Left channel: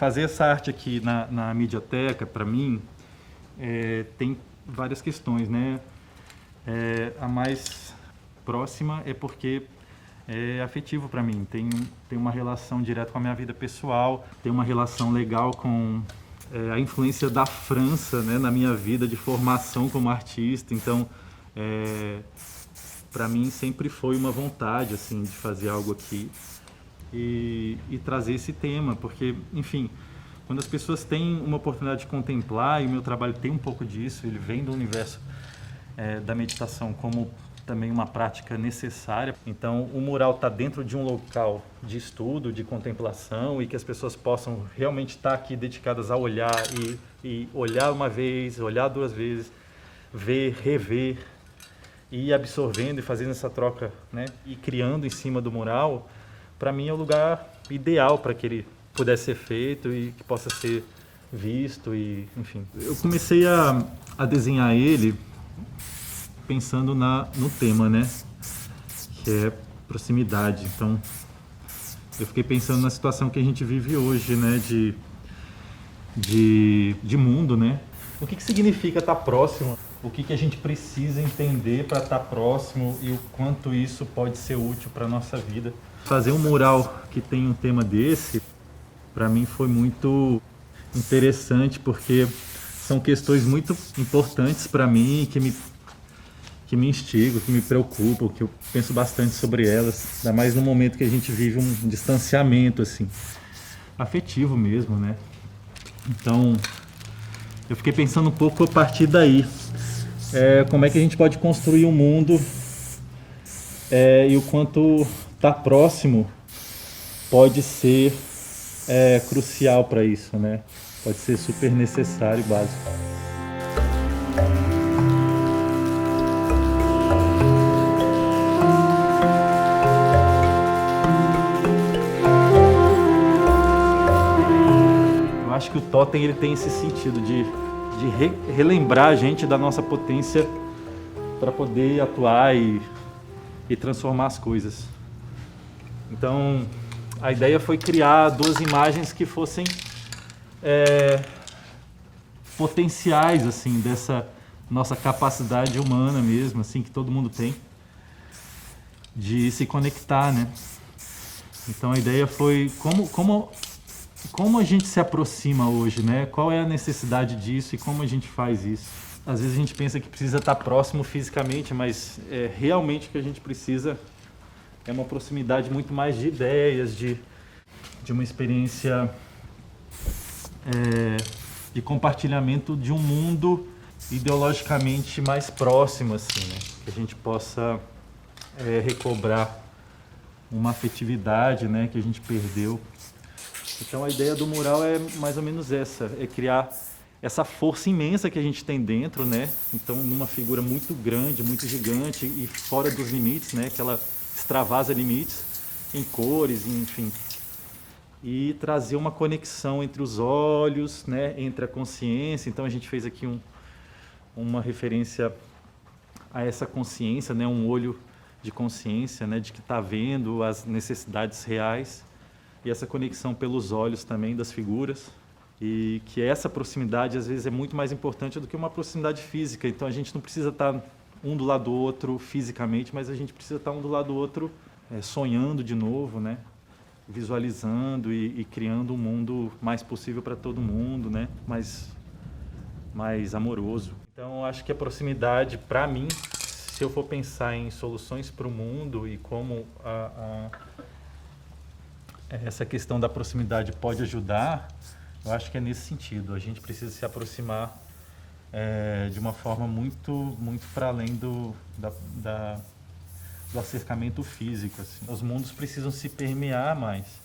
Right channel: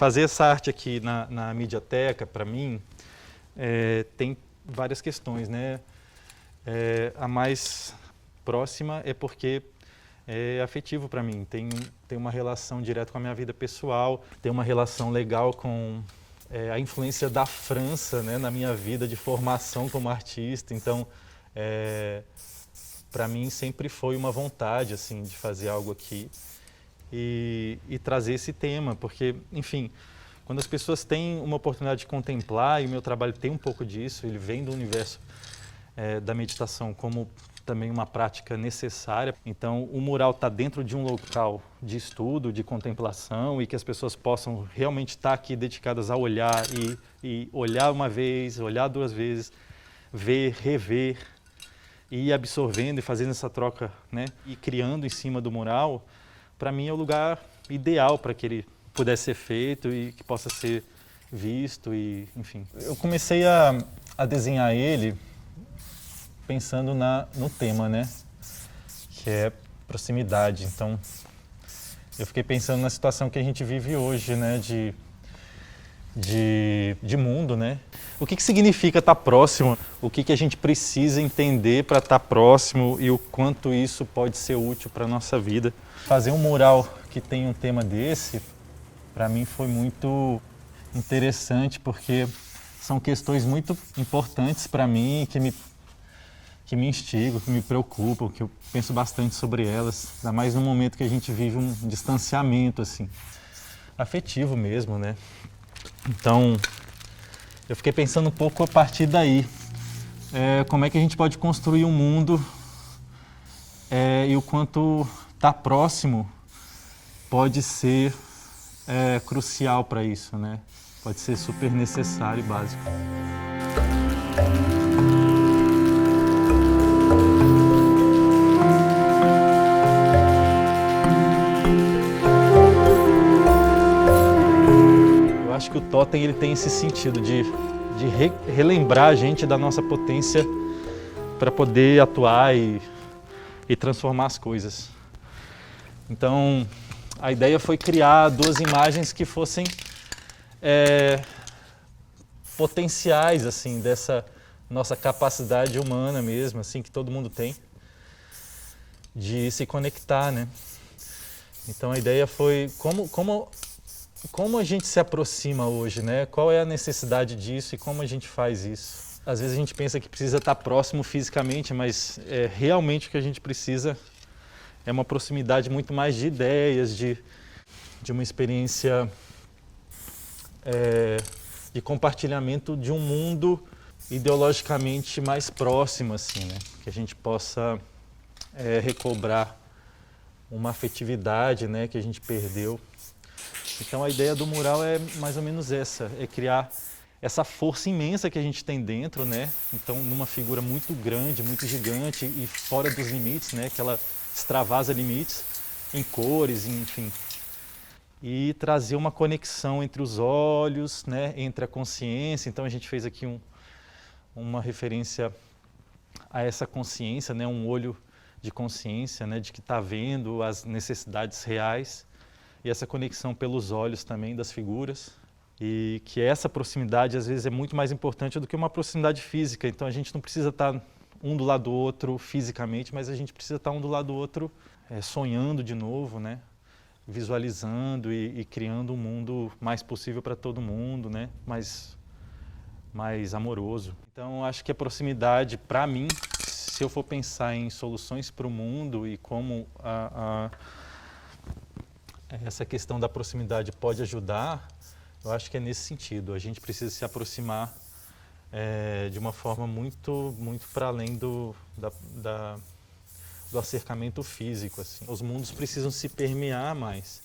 fazer essa arte aqui na Midioteca, para mim, tem várias questões, né? A mais próxima é porque é afetivo para mim, tem uma relação direta com a minha vida pessoal, tem uma relação legal com a influência da França, né, na minha vida de formação como artista. Então, para mim sempre foi uma vontade assim de fazer algo aqui e trazer esse tema, porque, enfim, quando as pessoas têm uma oportunidade de contemplar, e o meu trabalho tem um pouco disso, ele vem do universo da meditação como também uma prática necessária. Então, o mural está dentro de um local de estudo, de contemplação, e que as pessoas possam realmente estar aqui dedicadas a olhar e olhar uma vez, olhar duas vezes, ver, rever, e ir absorvendo e fazendo essa troca, né? E criando em cima do mural, para mim é o lugar ideal para que ele pudesse ser feito e que possa ser visto, e enfim. Eu comecei a desenhar ele pensando no tema, né, que é proximidade. Então, eu fiquei pensando na situação que a gente vive hoje, né, de mundo, né? O que significa estar próximo? O que a gente precisa entender para estar próximo e o quanto isso pode ser útil para a nossa vida? Fazer um mural que tem um tema desse, para mim foi muito interessante, porque são questões muito importantes para mim, que me instigam, que me preocupam, que eu penso bastante sobre elas, ainda mais no momento que a gente vive um distanciamento, assim, afetivo mesmo, né? Então, eu fiquei pensando um pouco a partir daí, como é que a gente pode construir um mundo e o quanto estar próximo pode ser crucial para isso, né? Pode ser super necessário e básico. Acho que o totem ele tem esse sentido de relembrar a gente da nossa potência para poder atuar e transformar as coisas. Então, a ideia foi criar duas imagens que fossem potenciais, assim, dessa nossa capacidade humana mesmo, assim, que todo mundo tem, de se conectar, né? Então, a ideia foi como a gente se aproxima hoje, né? Qual é a necessidade disso e como a gente faz isso? Às vezes a gente pensa que precisa estar próximo fisicamente, mas realmente o que a gente precisa é uma proximidade muito mais de ideias, de uma experiência de compartilhamento de um mundo ideologicamente mais próximo, assim, né? Que a gente possa recobrar uma afetividade, né, que a gente perdeu. Então, a ideia do mural é mais ou menos essa, é criar essa força imensa que a gente tem dentro, né? Então, numa figura muito grande, muito gigante e fora dos limites, né? Que ela extravasa limites em cores, enfim. E trazer uma conexão entre os olhos, né? Entre a consciência. Então, a gente fez aqui uma referência a essa consciência, né? Um olho de consciência, né? De que está vendo as necessidades reais. E essa conexão pelos olhos também das figuras, e que essa proximidade às vezes é muito mais importante do que uma proximidade física. Então a gente não precisa estar um do lado do outro fisicamente, mas a gente precisa estar um do lado do outro sonhando de novo, né? Visualizando e criando um mundo mais possível para todo mundo, né? Mais amoroso. Então acho que a proximidade, para mim, se eu for pensar em soluções para o mundo e como essa questão da proximidade pode ajudar, eu acho que é nesse sentido. A gente precisa se aproximar de uma forma muito para além do acercamento físico, assim. Os mundos precisam se permear mais.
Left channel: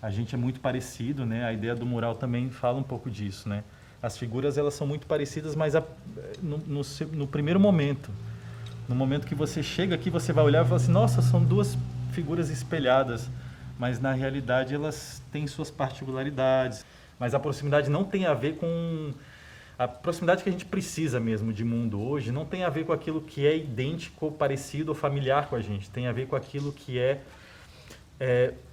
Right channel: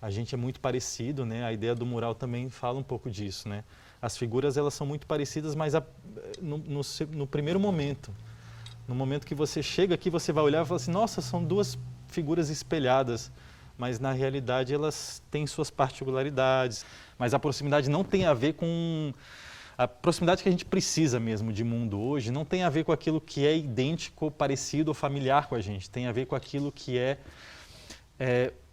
A gente é muito parecido, né? A ideia do mural também fala um pouco disso, né? As figuras, elas são muito parecidas, mas no primeiro momento. No momento que você chega aqui, você vai olhar e falar assim, nossa, são duas figuras espelhadas. Mas, na realidade, elas têm suas particularidades. Mas a proximidade não tem a ver com... A proximidade que a gente precisa mesmo de mundo hoje não tem a ver com aquilo que é idêntico, parecido ou familiar com a gente. Tem a ver com aquilo que é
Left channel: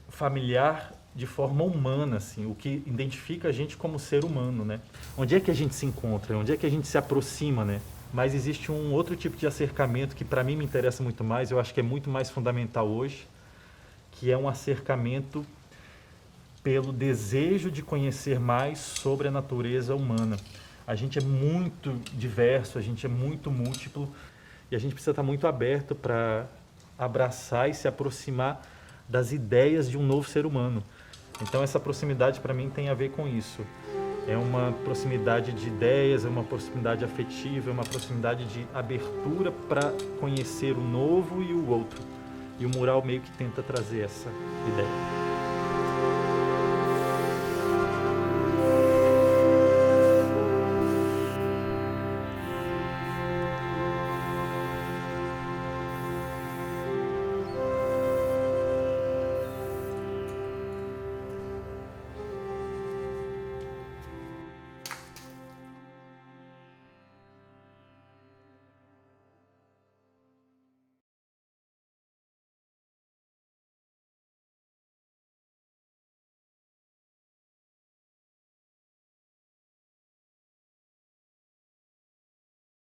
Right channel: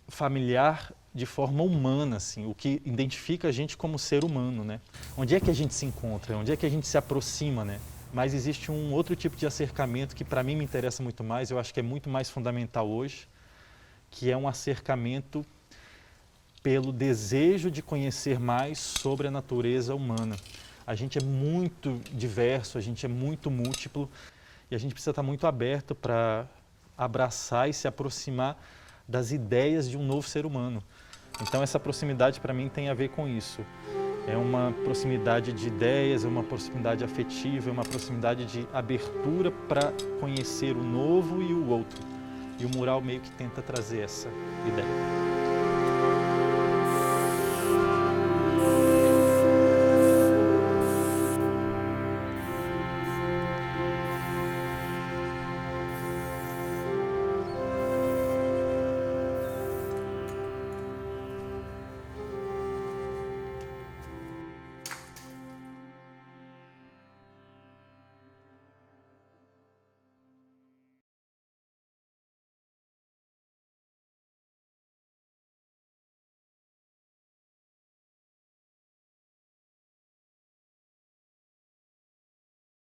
familiar de forma humana, assim, o que identifica a gente como ser humano, né? Onde é que a gente se encontra? Onde é que a gente se aproxima, né? Mas existe um outro tipo de acercamento que para mim me interessa muito mais, eu acho que é muito mais fundamental hoje, que é um acercamento pelo desejo de conhecer mais sobre a natureza humana. A gente é muito diverso, a gente é muito múltiplo e a gente precisa estar muito aberto para abraçar e se aproximar das ideias de um novo ser humano. Então essa proximidade para mim tem a ver com isso. É uma proximidade de ideias, é uma proximidade afetiva, é uma proximidade de abertura para conhecer o novo e o outro. E o mural meio que tenta trazer essa ideia.